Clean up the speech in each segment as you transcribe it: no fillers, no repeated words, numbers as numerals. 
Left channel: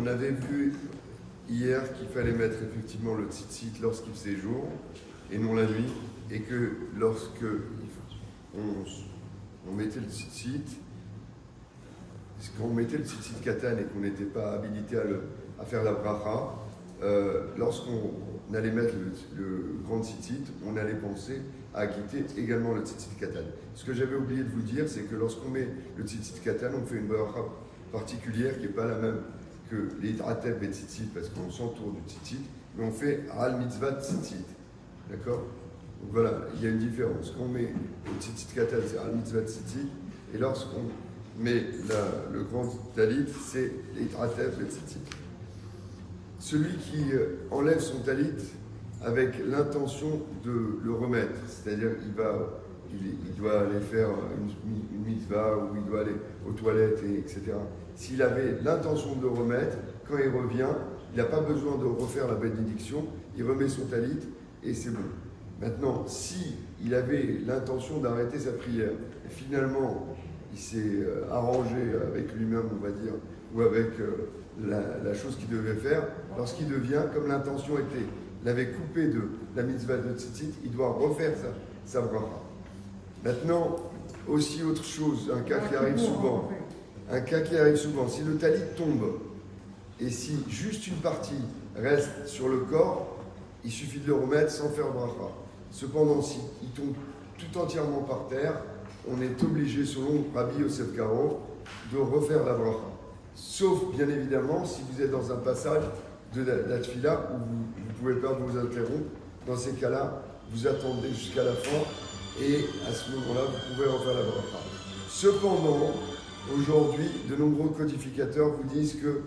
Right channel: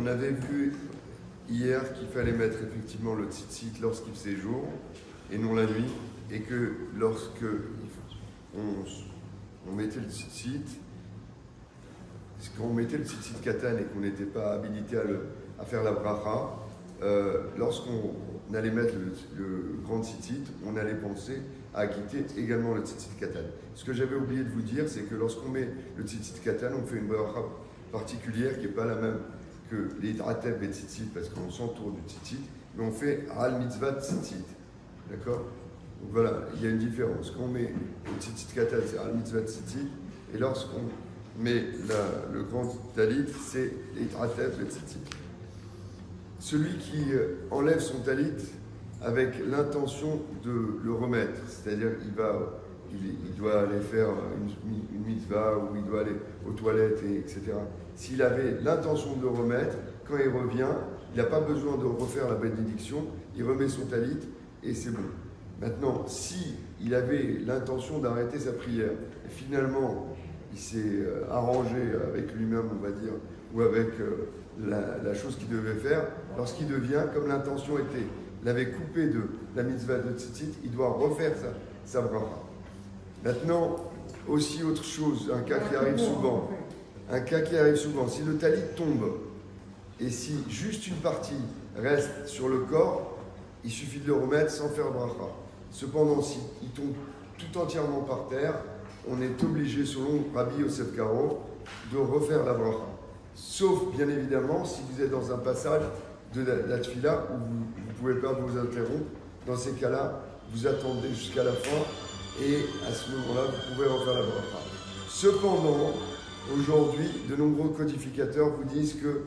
On avait vu hier qu'il fallait mettre effectivement le tzitzit lorsqu'il faisait jour et non la nuit, et que lorsque on mettait le tzitzit, quand on mettait le tzitzit katan et qu'on n'était pas habilité à faire la bracha, lorsqu'on allait mettre le grand tzitzit, on allait penser à quitter également le tzitzit katan. Ce que j'avais oublié de vous dire, c'est que lorsqu'on met le tzitzit katan, on fait une bracha particulière qui n'est pas la même que les ateb et tzitzit, parce qu'on s'entoure du tzitzit, mais on fait al mitzvah tzitzit. D'accord? Donc voilà, il y a une différence. Quand on met le tzitzit katan, c'est al mitzvah tzitzit, et lorsqu'on met le grand talit, c'est les ateb et tzitzit. Celui qui enlève son talit avec l'intention de le remettre, c'est-à-dire qu'il doit aller faire une mitzvah ou il doit aller aux toilettes, etc. S'il avait l'intention de le remettre, quand il revient, il n'a pas besoin de refaire la bénédiction, il remet son talit et c'est bon. Maintenant, s'il avait l'intention d'arrêter sa prière, et finalement il s'est arrangé avec lui-même, on va dire, ou avec la chose qu'il devait faire, lorsqu'il devient, comme l'intention était, l'avait coupé de la mitzvah de tzitzit, il doit refaire sa bracha. Maintenant, aussi autre chose, un cas qui arrive souvent, si le talit tombe, et si juste une partie reste sur le corps, il suffit de le remettre sans faire bracha. Cependant, s'il tombe tout entièrement par terre, on est obligé, selon Rabbi Yosef Karo, de refaire la bracha. Sauf, bien évidemment, si vous êtes dans un passage de la tfila où vous ne pouvez pas vous interrompre. Dans ces cas-là, vous attendez jusqu'à la fin et à ce moment-là, vous pouvez refaire la bracha. Cependant, aujourd'hui, de nombreux codificateurs vous disent que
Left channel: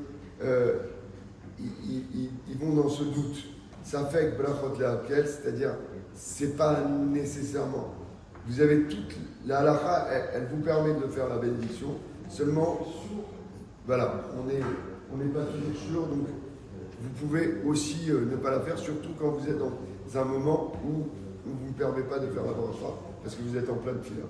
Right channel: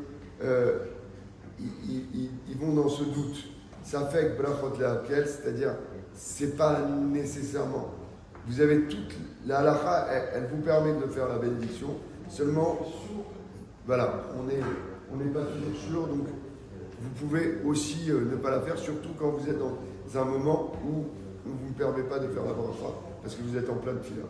ils vont dans ce doute. Ça fait que brachot lehakel, c'est-à-dire, c'est pas nécessairement. Vous avez toute la halakha, elle vous permet de faire la bénédiction. Seulement, voilà, on n'est pas toujours sûr, donc vous pouvez aussi ne pas la faire, surtout quand vous êtes dans un moment où on ne vous permet pas de faire la bracha, parce que vous êtes en pleine tefila.